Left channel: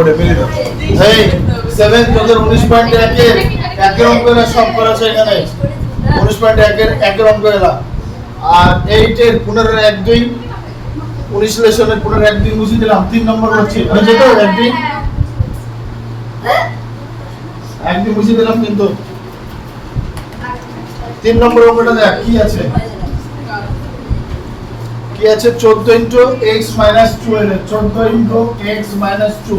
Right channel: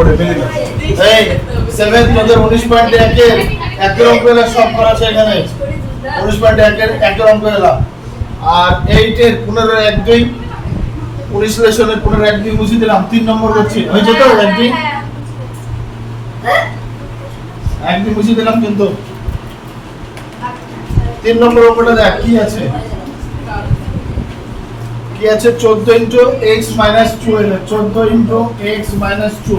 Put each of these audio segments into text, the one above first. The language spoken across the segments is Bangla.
ওরে মিলে দাও। এই 7 তোদের 19.1 এর একের অঙ্ক এলা সব করা আছে এখানে 19.1 এর একের অঙ্ক এলা আর 8 এর 15 1 2 19 লেসনের 15 1 2 মুছে দিলাম 3 নম্বর করছি হয়েছে তো 1 2 1 2 মুছে দিলাম কিন্তু 3 নম্বর অঙ্কটা দেখ কি আছে 14 x 2 14 x 2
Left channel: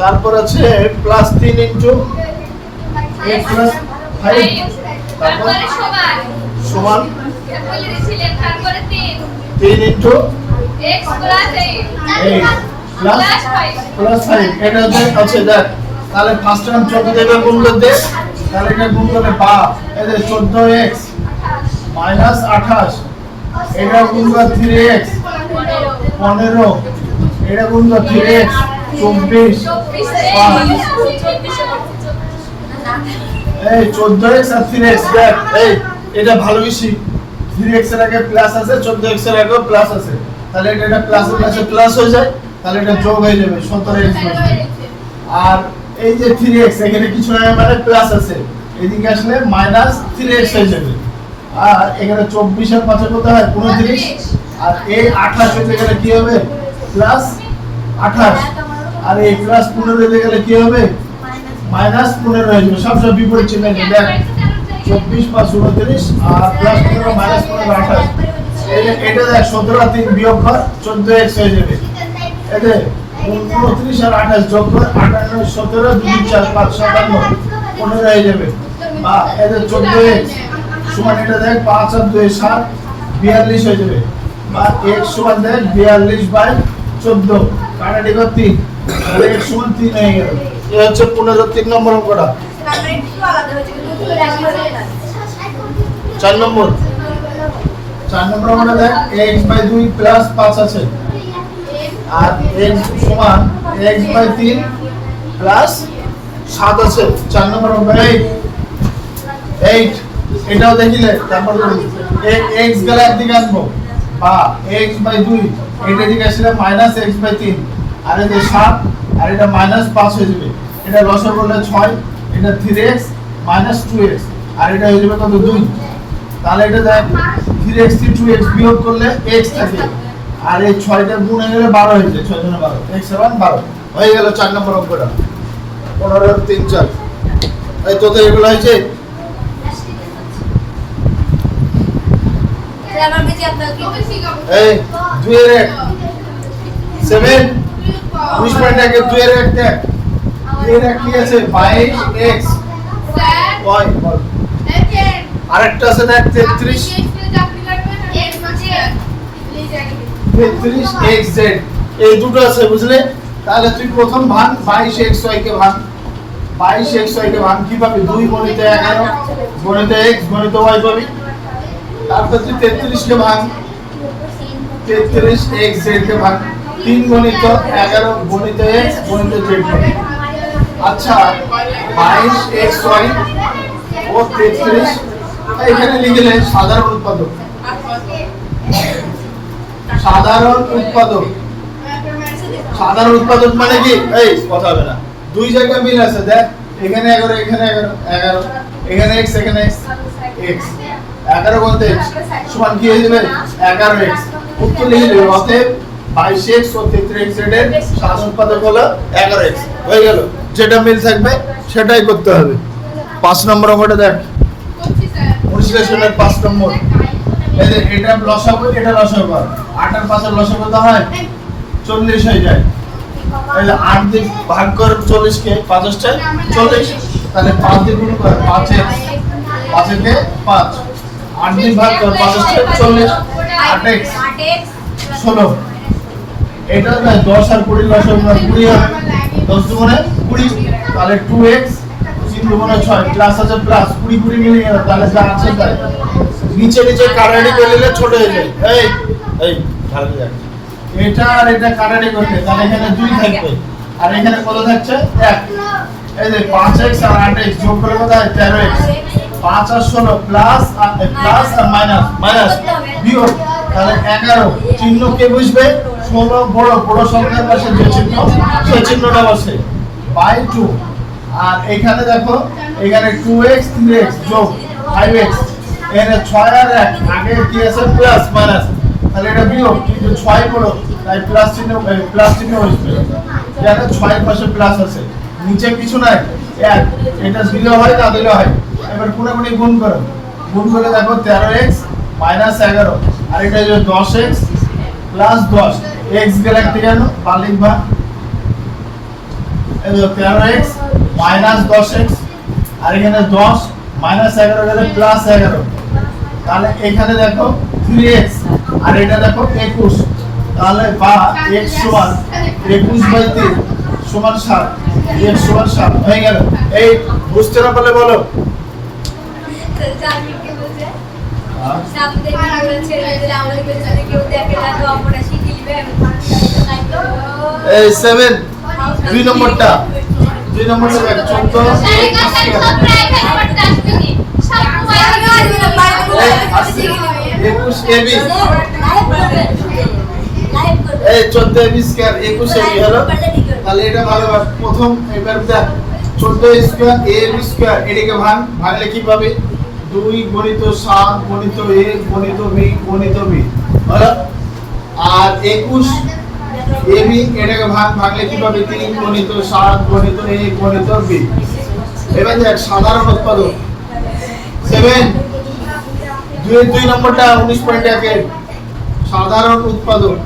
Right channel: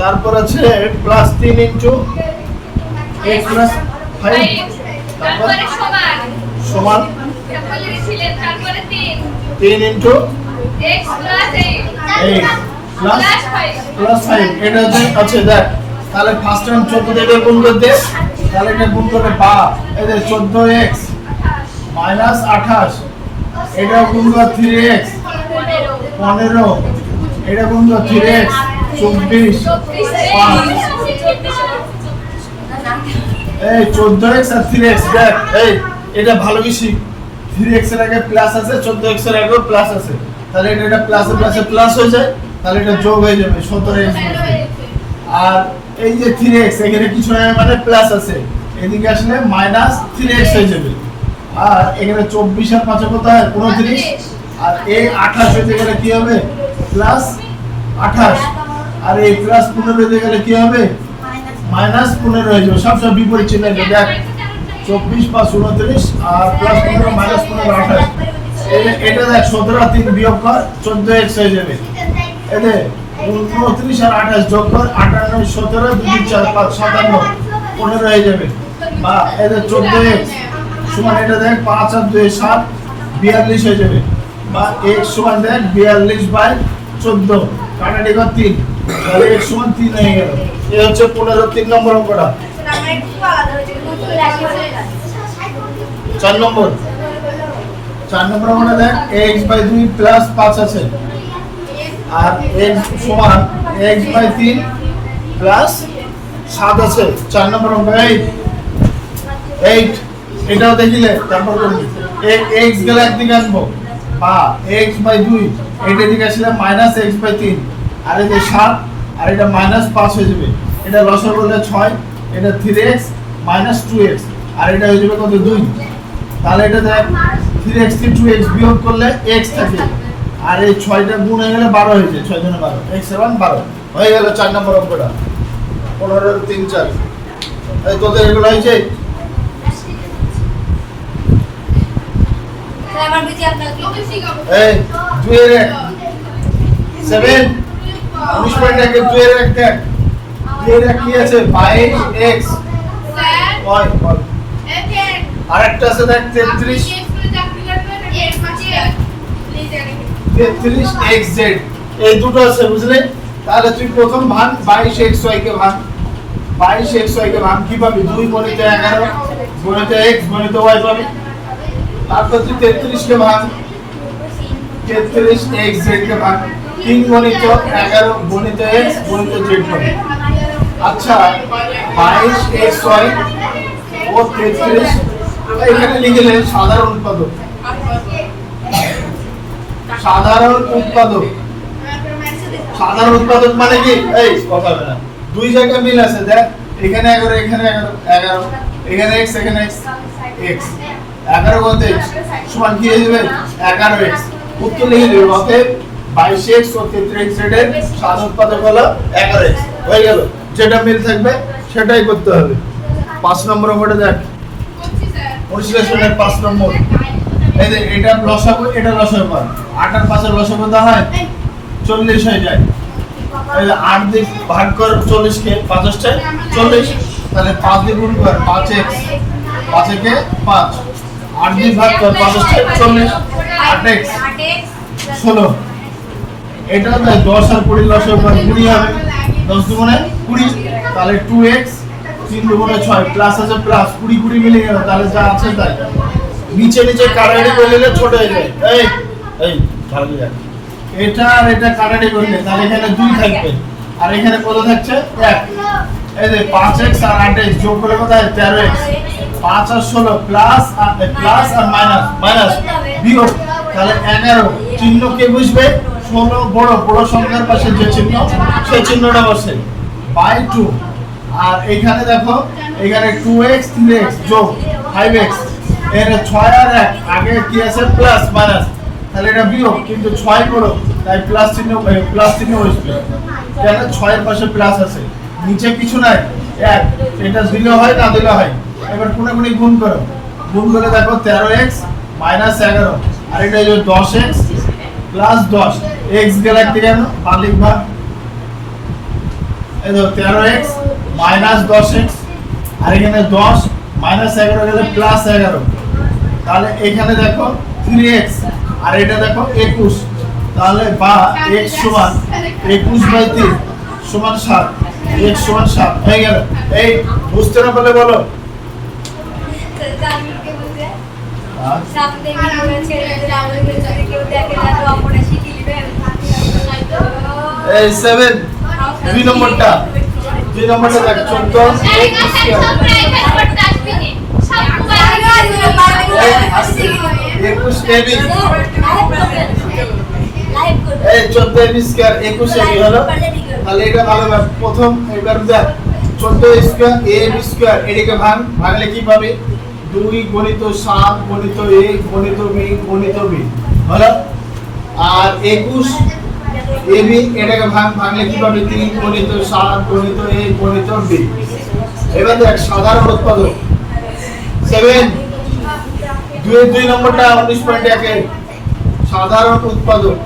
তারপর আছে প্লাস 3 x 5 তারপরে সমান তারপরে লিখছিলেন তারপরে 3 x প্লাস 8 প্লাস 5 এটা আছে দেখ তাহলে ফার্স্ট টার্ম 14 দিয়ে গুণ করতে তাহলে এটা গুণ করলে পা এই যে 14x 28 এটা গুণ করে 3x 15 এটা গুণ করে 3x 24 এই 14x আর 3x দেখ এই এটা ভালো বেশি 3x এর আগে প্লাস আছে 14x এর আগে প্লাস আছে তাহলে এটা প্লাসে প্লাসে প্লাস হয়ে যায় তাহলে এটা যোগ হয়ে যাবে 17x আর এই যে 3x এখানে কিছু না মানে প্লাস আছে এদিকে আসলে মাইনাস 3x হয়ে যাবে আর এখানে 24 আর 5 কত হয় 29 আর এই 28 হতে গেলে কি হবে প্লাস 28 আর এই প্লাস 15 হতে গেলে কি হবে মাইনাস 15 হয়ে যাবে সব বিপরীত চিহ্ন দেখ 24 5 29 আর প্লাস 15 মাইনাস 15 28 এটা দেখ 17 আর 3 বিয়োগ কর 14x হয়ে যাবে এতে 29 আর 28 যোগ কর 58 17 2 4 5 57 15 হয়ে যাবে বা এতে 14x সমান এটা দেখ 5 আর 2 7 42 হয়ে যাবে বা x সমান দেখ 42 বাই 14 কাটাটি কর 3 তাহলে x সমান 3 হয়ে গেল এই হচ্ছে 15 3 নম্বর অঙ্কটা 4 নম্বর অঙ্কটা দেখ x বাই 2 প্লাস 5 আছে আর x সমান x বাই 3 প্লাস 7 আছে 4 নম্বর অঙ্ক 8 এটাও দেখিলে তারপর করবি x গেলে একদিকে আনবো বা x বাই 2 এটা দিকে আসলে মাইনাস x বাই 3 আর এটা 7 আর এটা মাইনাস 5 হয়ে যাবে এটা লসাগু করলে 6 এটা 3x মাইনাস 2x আর এটা হয়ে যাবে কত 2 তাহলে এটা দেখ 3x থেকে 2x বিয়োগ করলে x থাকে আর এই 6টা গুণ হয়ে গেলে 12 হয়ে যায় 6 গুণ 12 x সমান 12 হয়ে গেল 4 নম্বর অঙ্কটা 15 3 4 এই তোদের এগুলো হয়েছে এই 2 এর 7 19.1 এর 2 এর একটা 2 এর কি আছে 22x কয় বল আরেকটা আছে দেখ 33xz এই দুটো আছে বুঝলে তাহলে তুই প্রথম ভাগ 22xy কে ভাগ 22xy কে ভাগ কি পাবি 2 গুণিত 11 গুণিত x গুণিত y পাবি তারপর তুই 33 কে ভাগ 33xz কে ভাগ 3 গুণিত 11 গুণিত x গুণিত z পাবি আচ্ছা 22xy ও 33 এখানে লিখলে সাধারণ উৎপাদক মানে কি এই কথা হবে না দুই জায়গায় মিল আছে দেখ এখানে 11 এখানে 11 এখানে x এখানে x 11 গুণিত x সমান কি হয়ে যাবে 11x উত্তর লিখে দেব অতএব 22x ও 33x এর সাধারণ উৎপাদক হলো 11x হয়ে গেল যেটা মিল থাকবে সেটাই করতে হবে 5 নম্বর অঙ্কটা দেখ অনুশীলনের 5 নম্বর এই যে এটা লসাগু এটা লসাগু কর 8 আর 5 এর লসাগু কত হয় 40 হয়ে যায় এই যে 8 দিয়ে ভাগ কর 40 কে 5 টা 40 তাহলে 5 দিয়ে গুণ কর 5x 5 কে 5 8 দিয়ে ভাগ কর 5 টা 40 8x 16 এটা না 10 আর 20 লসাগু কর 20 হবে 10 দুগুণে 20 তাহলে 2x 3 দুগুণে 6 প্লাস আছে প্লাস 20 20 মিলে গেল তাহলে যা আছে তাই নিচে নিচে কাটাকাটি করে নিলে ছোট হয়ে যায় এই ভালো লাগে এটা আর এটা কাটাকাটি করলে তাহলে এখানে 2 থাকবে আর এখানে কত থাকছে 1 এই যে 5x আর 8x যোগ করলে কত হয় 13x 5 আর 16 প্লাস আর মাইনাস বিয়োগ তাহলে 11 চিহ্ন কে বুঝবে 16 বড় বড় সংখ্যার পাশে যে চিহ্ন সেই চিহ্নটা বসে বাই 2 আর এখানে দেখো এখানে 2x 3x যোগ 5x এখানে 6 আর 1 আগে কি আছে প্লাস মাইনাস তাহলে এটা বিয়োগ কিন্তু 6 বড় তাই প্লাস চিহ্ন বসবে এখানে 6 এর পাশে প্লাস আছে নিচে কিছু নাই 1 এটা দিলে হয় না দিলে হয় এবার কোণাকুণি গুণ করো গুণ করে দেখো 13x 11 আর এটা হলো 10x প্লাস 10 x গেলে কেন বালিক ভাগ এই যে 13x 10x আর এখানে 10 11 গেলে প্লাস 11 তাহলে এখানে দেখো 3x আর এটা দেখো 21 তাহলে বা x সমান 21/3 সমান 7 x সমান 7 হয়ে গেল এই বুঝতে না পারলে বলো এই 7 দুই নম্বরটা দেখ 14 21 এবি এই 14 এবি স্কয়ার 21 এবি হলো তাহলে এটা ভাগবার প্রথম এবার দেখ 14 স্কয়ার এবি স্কয়ার এটাকে ভাগলে কি পাবে 2 গণিত 7 গণিত a গণিত b গণিত b হলো আর 21 ab এটাকে ভাগলে কি পাবে 3 গণিত 7 গণিত a গণিত b এবার দেখ সাধারণ উৎপাদক 7 দুই নম্বরটা 19.1 সাধারণ উৎপাদক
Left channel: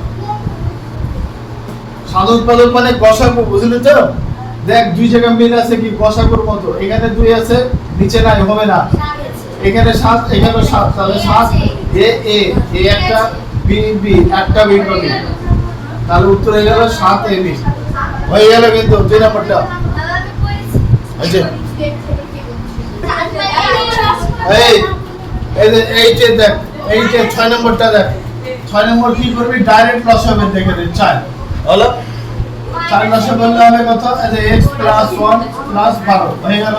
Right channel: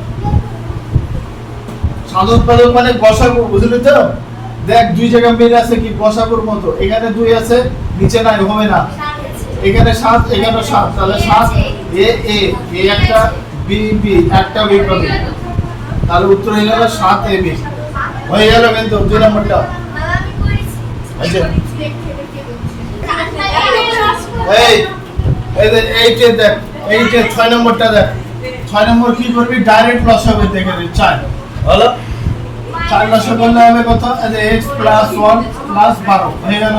মানে গসাগু বুঝলি তো দেখ দুই জায়গায় মিল আছে কি গসাগুর মতো এখানে 2 আছে নিচে নাই হবে না এখানে 7 এখানে 7 তাহলে 7 a একটা b একটা b পাবে তাহলে উত্তর হয়ে গেল 7 a b হয়ে গেল কিন্তু দুই নম্বরটা এই যে এইটা দেখ এইটা 6 নম্বরটা দেখ 6 নম্বর কি করবি ডাইরেক্ট লস হবে দেখে রে 4 হলো 4 লস করলে হবে কত এই যে x 1 12 হয়ে গেল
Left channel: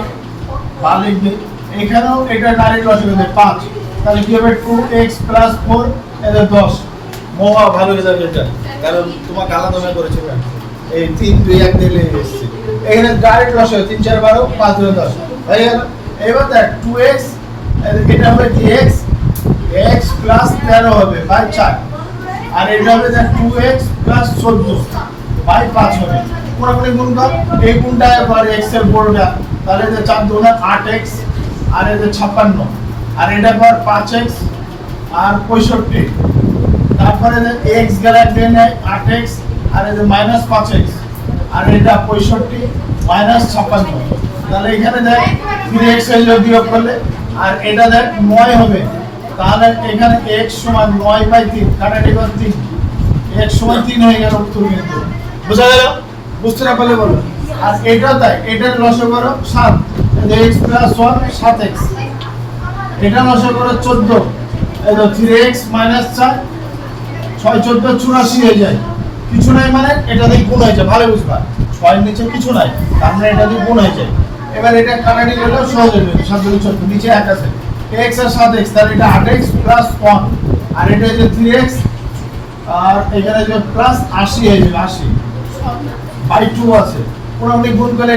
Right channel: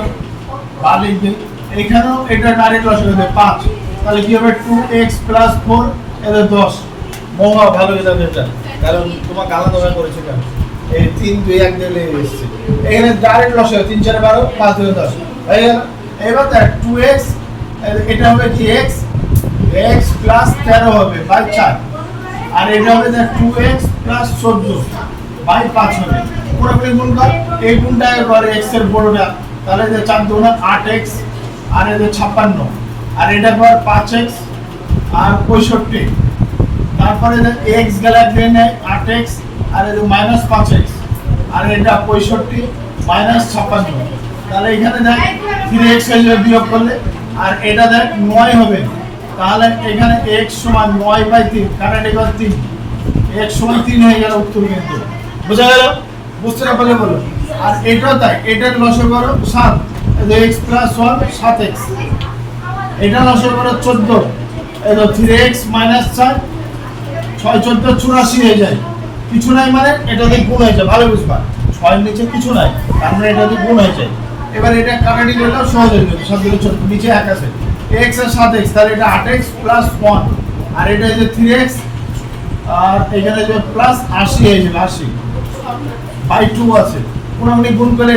বালিক দিই এখানেও এটা ডাইরেক্ট লস হবে 5 তাহলে কি হবে 2x 4 এই যে 10 মোয়া ভালো হয়ে যাবে এটা কারণ তোমার আলাদা ভাবে করেছো এই 3 2 1 দিলে এসেছে এখানে ডাইরেক্ট লস হবে 3 4 12 5 2 10 হয়ে গেল এবার দেখ 2x এটা হবে কি x 13 হবে বাই 4 আর এটা হবে দেখ 2x 14 বাই 5 হবে পুরোপুরি গুণ কর এই গুণটা কর x এর বড়টা তাহলে যে 4 2 8x আর এই যে 56 আর এটা কর 5x আর 65 তারপরে যে x গেলে দেন 8x আর এই যে -5x আর এটা 65 -56 তাহলে এখানে দেখ 3x এর বিয়োগ করলে আর এটা দেখ 9 হবে তাহলে এখানে x সমান 9/3 কাটাটি কর 3 x সমান 3 হয়ে গেল উত্তর কিন্তু বুঝা গেল বুঝতে না পারলে বলো আর এটা তাই এটার লসাগু করো 7 এই যে x 1 7x এটা লসাগু করো 14 এই তো 3x 4 6 14 84 হয়ে যায় কিছু নাই মানে এটা দিয়ে গুণ হয়ে যায় ভালো বুঝবা 6 এর নিচে কিছু নাই তার মানে এটা দিয়ে গুণ হয়ে যায় এবার এটা কাটাটি করলে সহজ হয়ে যাবে 7 2 14 নিচে 1 আছে x আর 7x তাহলে এটা 8x 1 আর এটা যে 3x আর এখানে যে প্লাস 80 হয়ে যাবে 80 বাই 2 আছে পুরোপুরি গুণ করে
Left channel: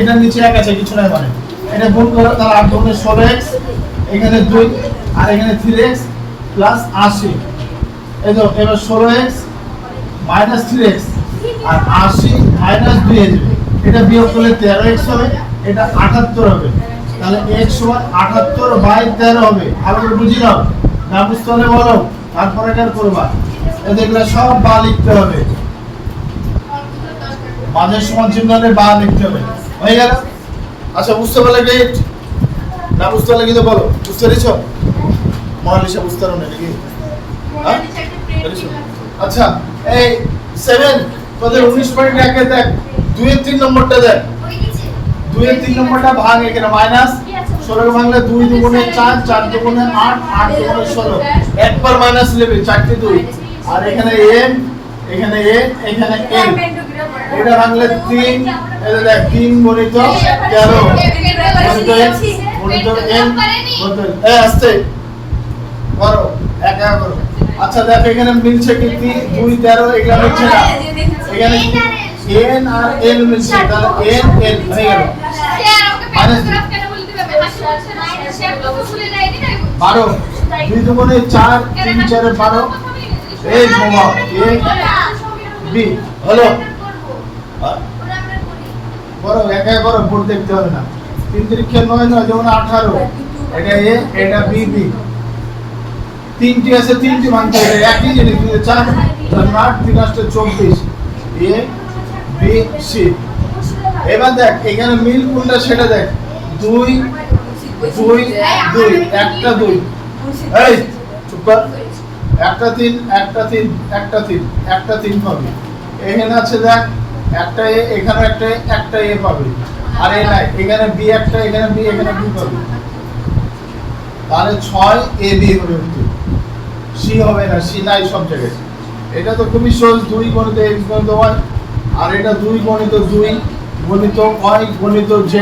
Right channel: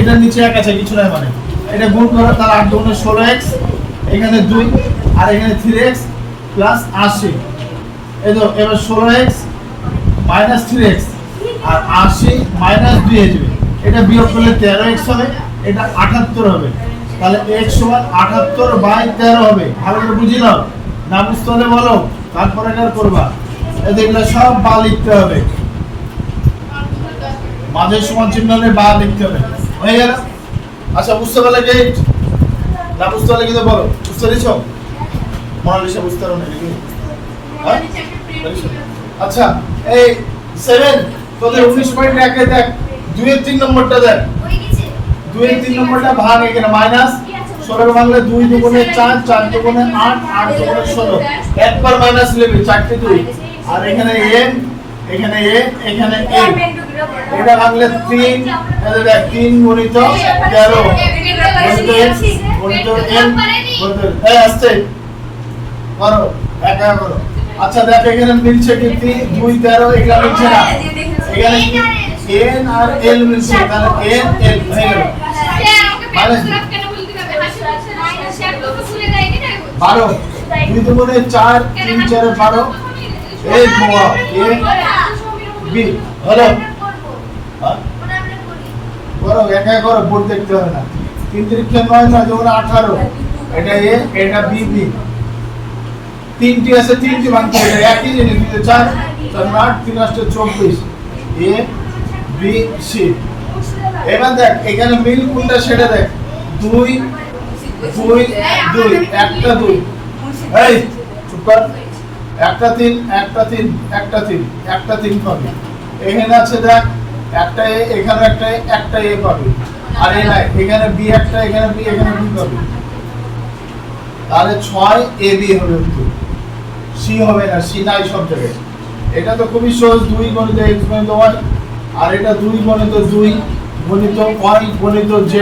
এটা নিচে 1 আছে কিছু নাই মানে এটা গুণ করে তাহলে 8 2 16x এখানে 2 আর এখানে 3x প্লাস 80 এই তো এবার 16x মাইনাস 3x আর 80 মাইনাস 2 হয়ে যাবে এটা বিয়োগ করলে 13x হবে এটা 78 হবে তাহলে x সমান 78/13 হবে ভালো করে বুঝি নাও না বুঝতে হলে বলো তারপরে এটা করবা এই দেখলে সব বা লিখতে হবে মাঝের সমান চিহ্ন হলে বা লিখতে হবে হয়ে গেল আচ্ছা বুঝতে পারলে গেট না বুঝতে পারলে কিন্তু বলো বুঝতে পেরেছো মনালিসা বুঝতে পারো না নাকি হ্যাঁ আচ্ছা এই 7 তোদের 19.1 এ দেখ 2 এর 3 নম্বরটা দেখ 2 এর 3 নম্বরটা ভাগ এখানে মাইনাস 16 এর ভাঙলে 2 দুগুণে 4 4 দুগুণে 8 8 দুগুণে 16 একবার মাইনাস নেবে 4 তে 2 আর এখানে n এখানে n এখানে n এটা ভাঙলে 3 এই দেখ 3 গুণিত 13 গুণিত n গুণিত এই আসছে করো একা করো আচ্ছা দেখো এখানে মিলছে কি 2 13 এগুলা মিলছে না এখানে n আর l মিলছে তাহলে n l হয়ে গেল স্যার আমাকে পেপার গ্রাফ কেন বলতে হবে হাসি পাচ্ছে না স্যার তো ভুলে যায় কি তাই 12 2 দুগুণে 4 3 4 12 এই বাবা a b হলো হ্যাঁ? করো একা করো বোর্ড দেখতে হবে না 3 3 9 9 যেমন 18 এটা a এটা b b তিনটি আছে তিনটি ভাঙতে হবে একই জিনিস 4 8 3 8 24 a b c এবার দেখ এখানে মিল কোনটা সেটা দেখ 2 2 2 একটা 2 এই চুপ কর একটা 3 একটা 3 একটা 3 একটা 3 পাবে এখানে আছে দেখ একটা a এখানে একটা a পাবে আর এই নাই এখানে b একটা এখানে b এখানে b পাবে তাহলে 6 ab হবে কিন্তু c হবে না c নাই সব জায়গায় এটা তো খুবই সহজ 2 গণিত x গণিত y আর এটা 2 গণিত 2 গণিত y গণিত z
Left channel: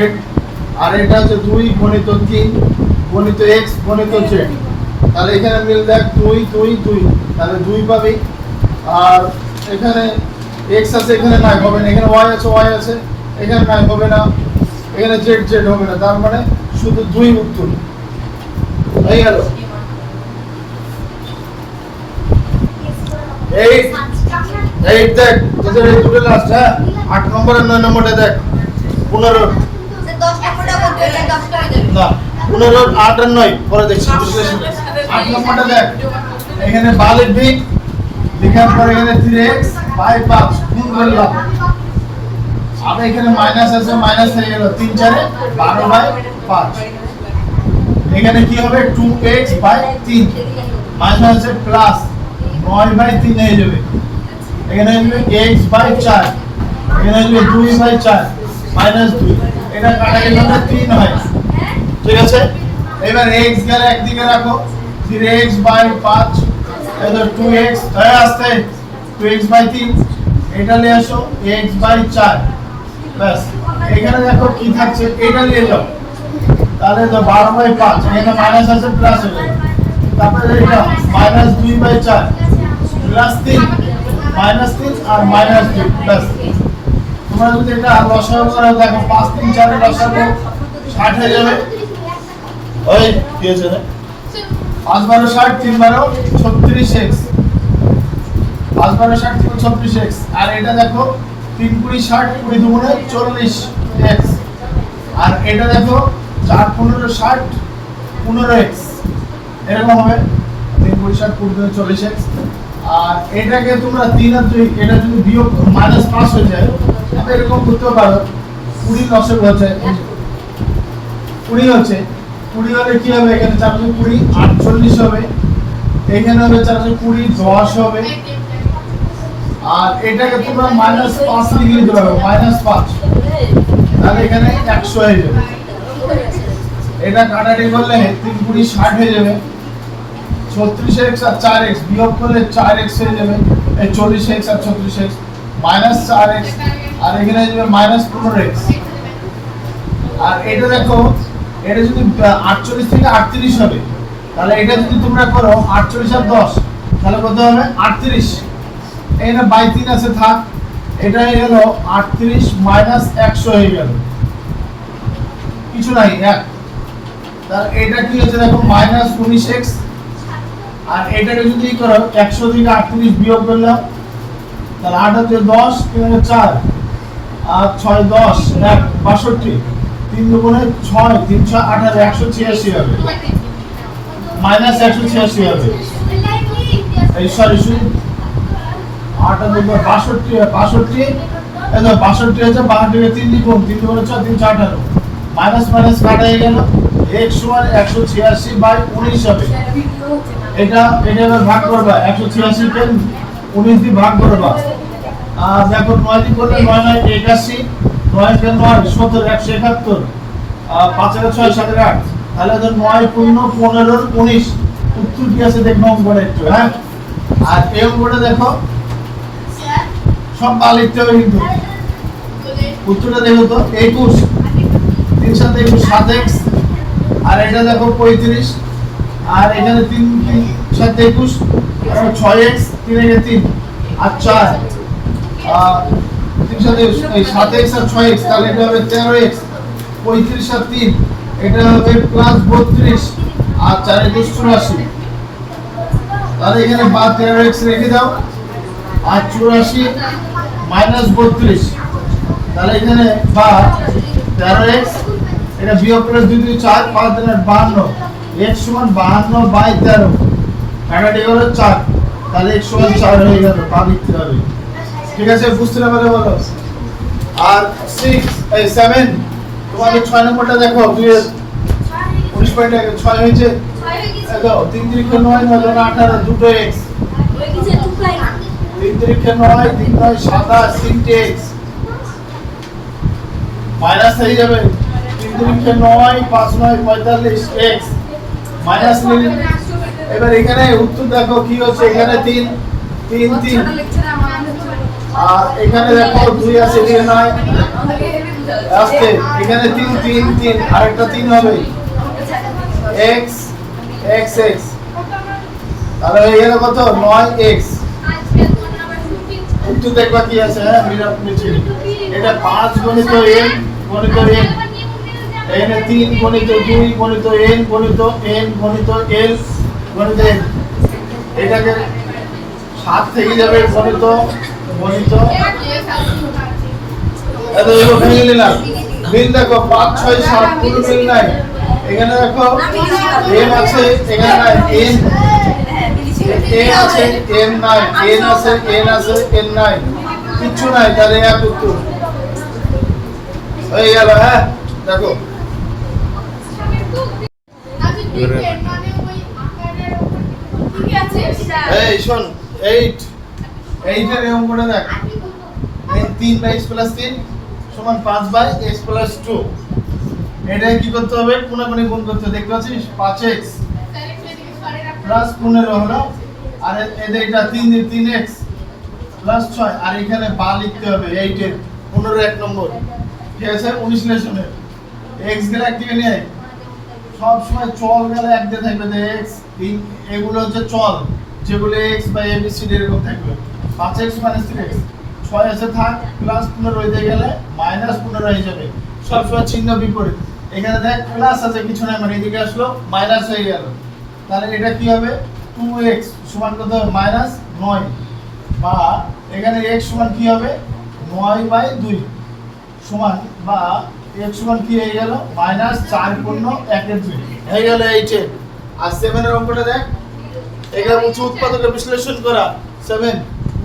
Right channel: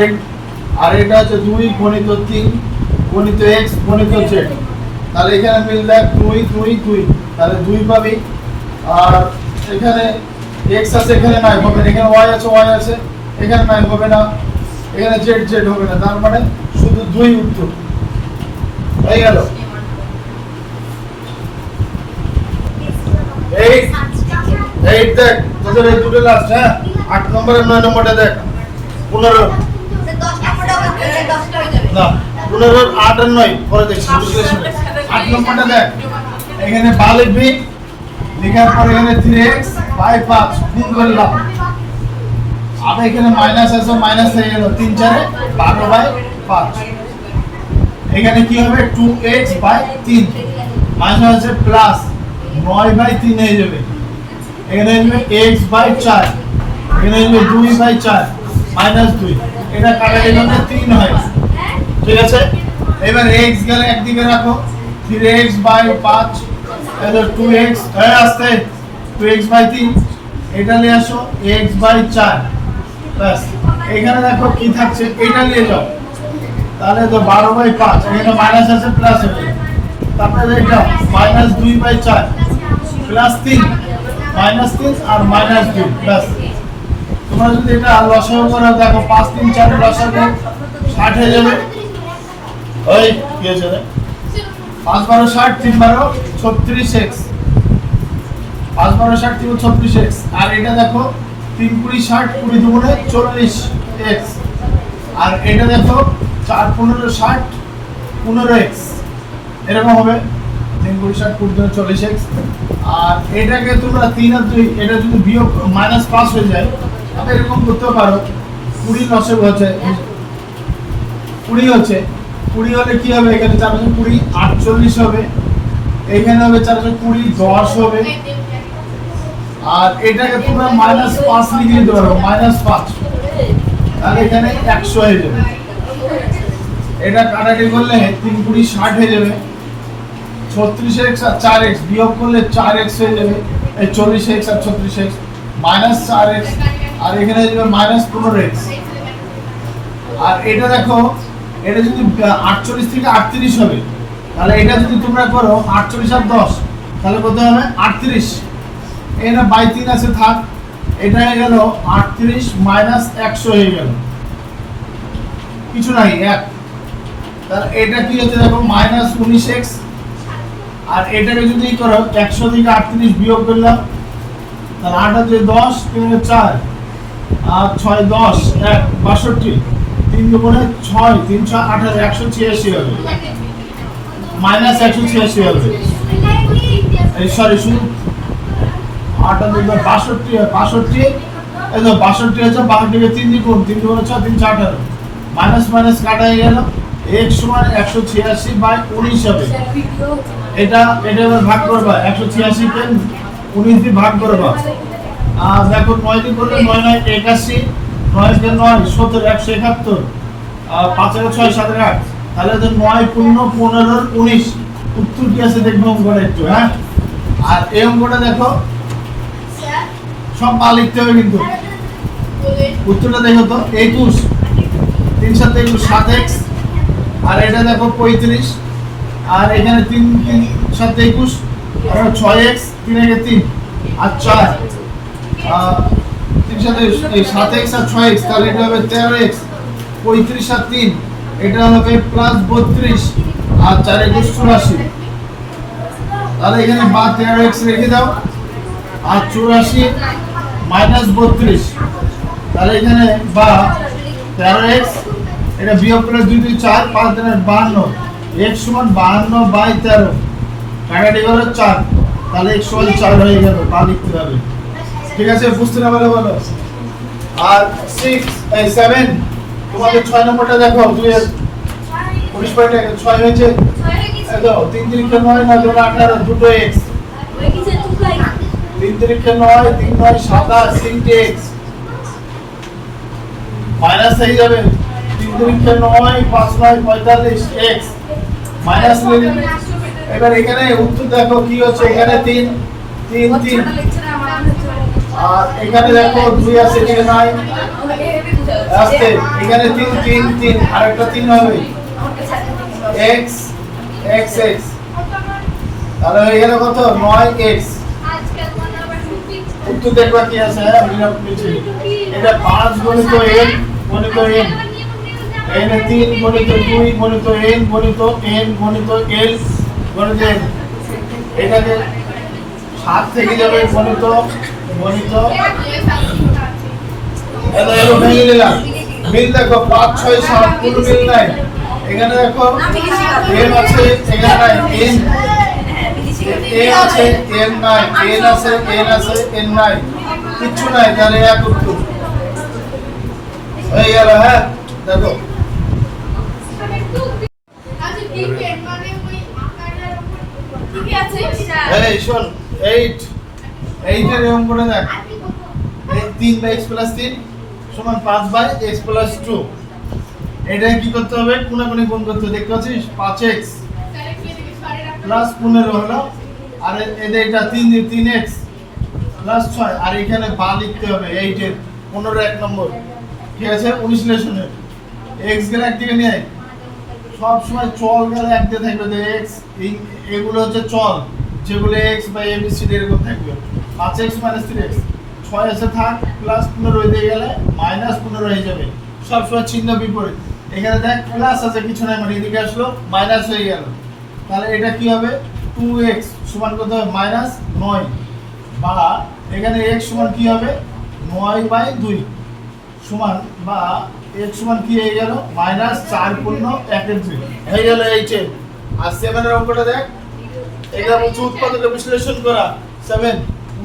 আর এটা হচ্ছে 2 গণিত 3 গণিত x গণিত z তাহলে এখানে মিল দেখ 2 2 2 তাহলে 2 পাবি আর এখানে x আছে এখানে নাই হবে না এখানে y আছে এখানে নাই হবে না এখানে z z হবে না তার মানে শুধু 2 উত্তর হয়ে গেল এই দেখ তোদের এই দুটো লাস্ট হ্যাঁ 8 নম্বর আর 9 নম্বরটা দেখ 15 না 15 8 আর 9 পরে দেখছি বিশ্লেষণ 8 নম্বরটা দেখ এখানে বা লিখবি লেখার পরে এখানে 3x বাই 5 গুণ করলাম আর এখানে মাইনাস আছে মাইনাস হয়ে গেল 3 4 এ 12 বাই 5 এখানে কি হবে 2x বাই 3 মাইনাস আছে প্লাস 9 বাই 3 হয়ে যাবে এখানে আসবে x বাই 4 এখানে আসবে 2 বাই 4 মাইনাস 2 এটা কাটা গেলে 3 হয় ঠিক আছে এবার x গেলে একদিকে রাখো 3x বাই 5 এটা 2x হয়ে আসছে 2x বাই 3 এটা নিয়ে আসো x বাই 4 বাস এখানে দেখো কি থাকছে এটা নিয়ে যাও তাহলে তো 12 বাই 5 এখানে মাইনাস আছে প্লাস হবে তারপরে এটা মাইনাস 2 বাই 4 প্লাস 3 মাইনাস 3 আর মাইনাস 2 প্লাস তোমরা যদি এটা লসাগু করো দেখো 5 3 4 লসাগু 60 হয়ে যাবে ওই কি আছে রে 5 12 60 3 12 36x 5 12 60 3 36x আর এটা দেখো 3 20 60 20 দুগুণে 40x আর এটা দেখো 4 15 60 15x এরকম হবে 3 20 60 20 দুগুণে 40x আর এটাকে তোমরা 3 আর 2 এটা যদি বিয়োগ মাইনাস 5 হয়ে যায় তবে এরকম করতে পারো 20 লসে হচ্ছে 20 হচ্ছে 20 হলে কি হবে এখানে 4 20 48 হবে এখানে হবে 420 10 হবে আর এটাকে তোমরা মাইনাস 5 লিখে দিতে পারো মাইনাস 5 তাহলে এখানে 100 হয়ে যাবে এটা কাটাকাটি করলে 3 20 60 হয়ে যাবে 36x আর 4x বিয়োগ করলে 4x হয়ে যাবে এই 40x আর 36x মাইনাস 4x আর এখানে যাবে মাইনাস 15x আর এটা দেখো এটা যদি 48 থেকে 38 হবে তাহলে এটা যদি তোমরা করো 48 আর 10 তাহলে কত হবে 38 এখানে বাই 3 আছে থাক এটা হয়ে গেল 38 মাইনাস 100 হয়ে গেল কিছু নাই 1 তাহলে এটা কি হচ্ছে দেখো মাইনাস 19x আর এটাকে যদি করো 100 থেকে 38 বিয়োগ করলাম তাহলে 8 হচ্ছে 10 3 হচ্ছে 4 আর 6 10 1 62 3 দুগুণে 6 3 6 18 186 হবে মাইনাস 186 হবে এই সরি শুধু 8 আর 2 62 62 এই তো 62 হচ্ছে 62 কে 3 দ্বিগুণ 3 দুগুণে 6 3 6 18 মাইনাস মাইনাস কাটা হয়ে গেল x সমান 186 বাই 19 হবে এটা ভাগ করবা 186 কে 19 দিয়ে ভাগ করবা আর দেখো 9 দিয়ে করলে 9 9 81 9 কে 9 70 171 5 এর 6 7 এর 8 তাহলে তো 9 15 19 উত্তর কি আছে দেখবো অঙ্কটা একটু হ্যাঁ আর এই অঙ্কটা দেখো সব পা লিখতে হবে কিন্তু উত্তরটা দেখো তো 21 3 7 21 7x আর এটা দেখো 35 আর এখানে 3 3 7 21 আর 6x 3 একে 3 আর 4 3 সাথে এই 7x আর 6x তাহলে এটা হবে 13x 35 আর 3 এটা হবে প্লাস 32 আর 4 এ 84 তাহলে এখানে বা 13x রেখে দাও আর 84 মাইনাস 32 তাহলে এখানে বা 13x এটা বিয়োগ করলে 2 2 4 5 3 52 x সমান 52 বাই 13 কাটাটি হলো 4 তাহলে x সমান 4 হয়ে গেল বা লিখতে হবে ঠিক আছে বুঝতে না পারলে বলো আর 6 এই 7 তোমাদের 6 নম্বরটা দেখো 2 এর 19 পয়েন্ট 6 হয়েছে এই দাও 3 3 9 না 18 দুটো x 3 3 9 3 9 27 3x মাইনাস হয়ে যাবে 3 3 9 5 9 45 x মাইনাস এবার এখানে উত্তর দেখো কি হচ্ছে এখানে 3 3 3 আর এখানে দেখো 2 আছে এখানে 9 আসছে এখানে 3 3 3 আরেকটা 3 হবে x x x তাহলে এখানে কত 9x উত্তর দেখবা কি আছে হ্যাঁ মিলাপ নিচে এটা 5 গণিত n গণিত n এখানে 3 গণিত 2 গণিত n গণিত n গণিত l গণিত n এটাকে 7 থেকে যাবে গণিত গণিত এটা এলো ভেঙে নিলাম মিল দেখো 5 6 7 পুরো মিল নাই এখানে দেখো m আছে এখানে নাই n a আছে n নাই n আছে n নাই কিছু নাই তাহলে এক উত্তর হয়ে গেল হ্যাঁ দেখো এই শোন 8 এর এরকম করে দেখ এই 3 বাই x প্লাস 3 সমান 5 বাই x প্লাস 2 এটা কি করতে হবে কোণাকুণি গুণ করতে হবে দেখতে পাচ্ছিস 5x প্লাস 15 হলো আর এটা 3x প্লাস 6 আর এখানে বা লিখতে হবে 8 এর 15 এক নম্বর ঠিক আছে 19 লেসনের x গেলে এক দিকে নিয়ে আয় সব সময় চল গেলে এক দিকে থাকবে যে x এগুলো হচ্ছে চল যেগুলো x বাই abcd এরকম থাকবে 5x 3x 6 এসে থাক প্লাস 15 হয়ে গেলে মাইনাস 15 হয়ে যাবে সব সময় চিহ্ন বিপরীত এখানে দেখ প্লাস আছে কিছু নাই মানে এদিকে আসলো মাইনাস হয়ে গেল তাহলে এটা কি হবে 2x সমান কত মাইনাস 9 বা এখানে x সমান কি হবে 9 বাই 2 সমান বা x সমান কি হয়ে গেল মাইনাস 4 পূর্ণ 1 এর 2 হয়ে গেল 8 এর আর 7 এর অঙ্কটা দেখ এটা হচ্ছে উৎপাদকে বিশ্লেষণ করা 7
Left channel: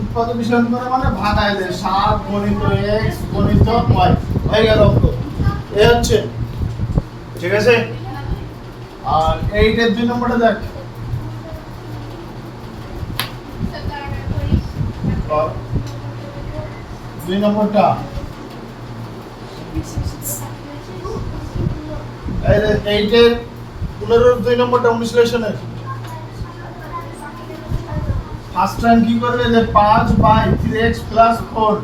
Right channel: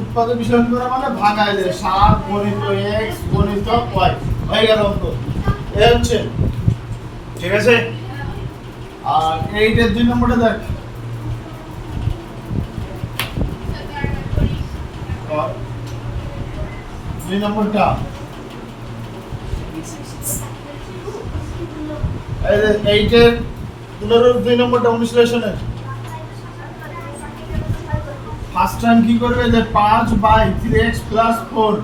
উৎপাদক বিশ্লেষণ করা মানে ভাগায় দেয় 7 গণিত x গণিত y হয়ে গেল অঙ্ক এই হচ্ছে ঠিক আছে আর 8 এর 2 নম্বরটা দেখ और 2 নম্বরটা এই 8 এর 2 নম্বরটা বিশ্লেষণের ফার্স্ট টাইম কি করবে যে 5 বাই 3x 4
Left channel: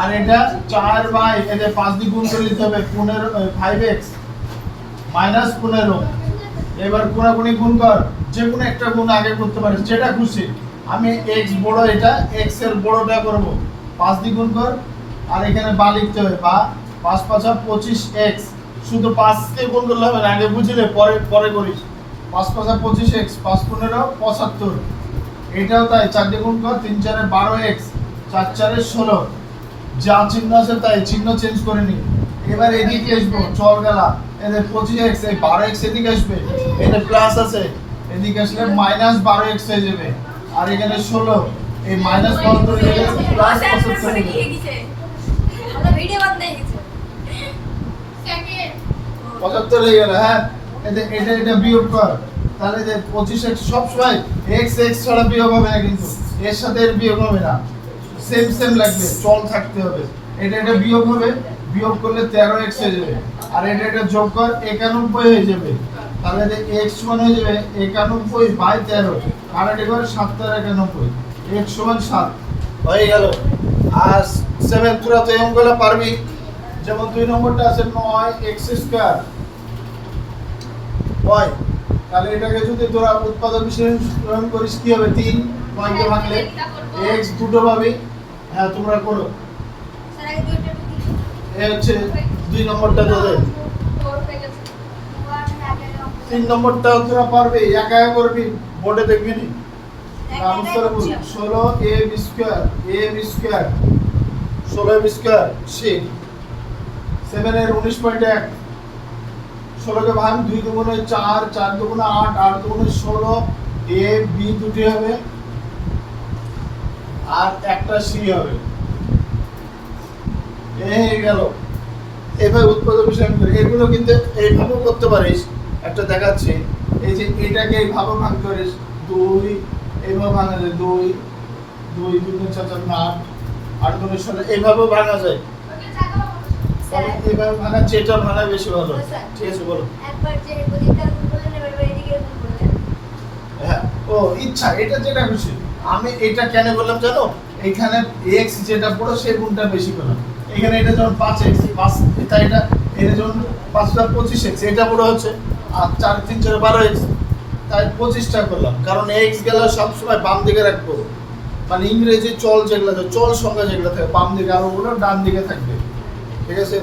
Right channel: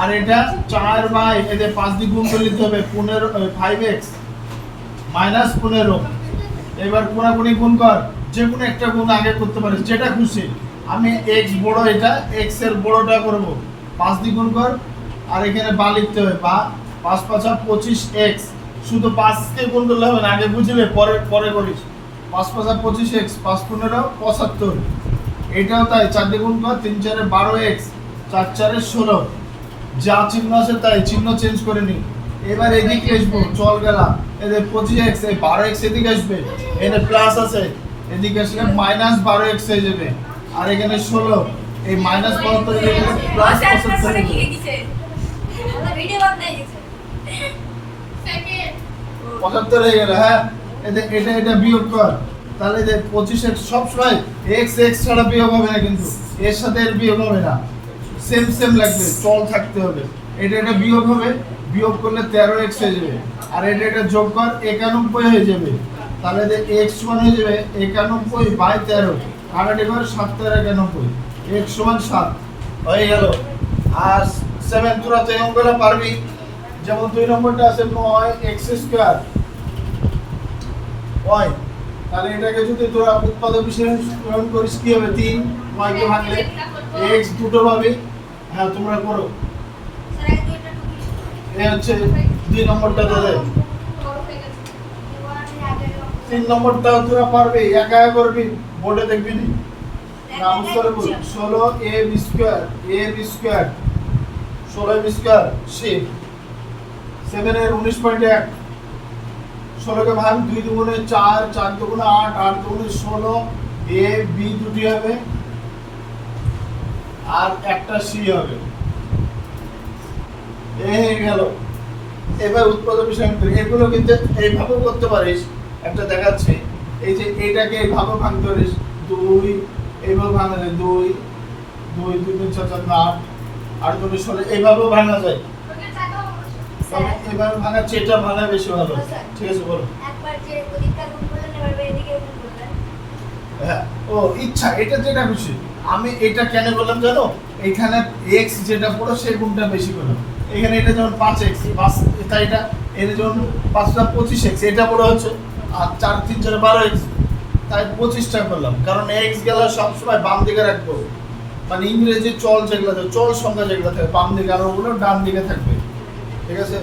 আর এটা 4 বাই এদের 5 দিয়ে গুণ করে নিতে হবে 5x 15 এবার কোণাকুণি গুণ কর যে কোনো একটা গুণ আগে করতে পারিস যেটা খুশি আমি x বড় এটা x এর বড়টা করব 5 দিয়ে গুণ কর আর এখানে বা লিখতে হবে বা 5 5 25x শুধু 5 কে গুণ করলে হবে না আগে বুঝলে পরে করিস 5 5 25x 5 15 75 এটাও তাই 4 দিয়ে গুণ কর 3 4 12x 4 4 16 যা চিহ্ন আছে তাই চিহ্ন চেঞ্জ করে নি এবার এদিকে আসবো চল গেলাম এদের 25x এই 12x এদিকে আসবে এদের প্লাস আছে এদিকে আসলে মাইনাস 12x হয়ে যাবে আর এখানে 16 এই মাইনাস 72 হয়ে গেলে প্লাস 75 হয়ে যাবে আমরা ভিডিও বানাতে গেছে 75 হয়ে গেল হ্যাঁ এটা বিয়োগ কর তাহলে যে 25x সব সময় x x ছাড়া বিয়োগ হবে না কিন্তু এর সাথে এর বিয়োগ হবে না সেম লাগবে চল থাকতে হবে এটা বিয়োগ হবে বিয়োগ করলে 13x হয়ে যাবে আর এটা যোগ কর 91 হয়ে যাবে তাহলে যে x সমান হয়ে যাবে 91 বাই 13 কাটাটি করে 7 91 x সমান 7 হয়ে গেল আর 7 তোরা তো এই অঙ্কগুলো পারবি যেমন 2 নম্বরটা আছে 9x স্কয়ার y তাহলে এটাকে যদি তোরা উৎপাদক বিশ্লেষণ করিস কি হবে 3 9 কে ভাঙলে x দুটো পাবি হ্যাঁ তোমরা করো স্যার আগে দুইটা টুকি এই হচ্ছে 2 নম্বরটা তোদের 3 নম্বরটা তোরা পারবে একা একা করবি বোর্ডে দেখবি নি কাউন্সিলর 16 a b square 16 b square সে 7 এর 19.1 16 কে ভাগ 2 দুগুণে 4 4 দুগুণে 8 8 দুগুণে 16 a b দুটি হবে আর একটা c হবে এই গেল এভাবে উৎপাদক বিশ্লেষণ করি এগুলো কিন্তু এইভাবেও করতে পারিস একটা দেখাচ্ছি এই যে এটাকে এইভাবে ভাঙতে পারিস 2 এইভাবে ভাঙা যায় 2 2 2 3 4 4 8 8 দুগুণে 16 এইভাবেও ভাঙা যায় তবে এইভাবে ভাঙা যেটা ভাঙা বেশি ভালো ঠিক আছে বলো একবার যে পরীক্ষার গুণ করলেন এবার এদিকে গুণ করলেন হ্যাঁ ও ইচ্ছা এটা যেটা খুশি আমি এটা কেন বললাম জানো এখানে x যেটা বড় সেই গুণটা বেশি করলাম এখানে এটা যেমন 5x 5 এটা যেমন 5টা 25x এটা বড় হচ্ছে আর 4 3 4 12x তাই 25টা করলাম কারণ x গেল সব সময় বাম দিকে রাখবো মানে ইংরেজি চল যেগুলো চল সংখ্যা যেগুলো থাকে বাম দিকে আর ওগুলো ডান দিকে থাকবে ঠিক আছে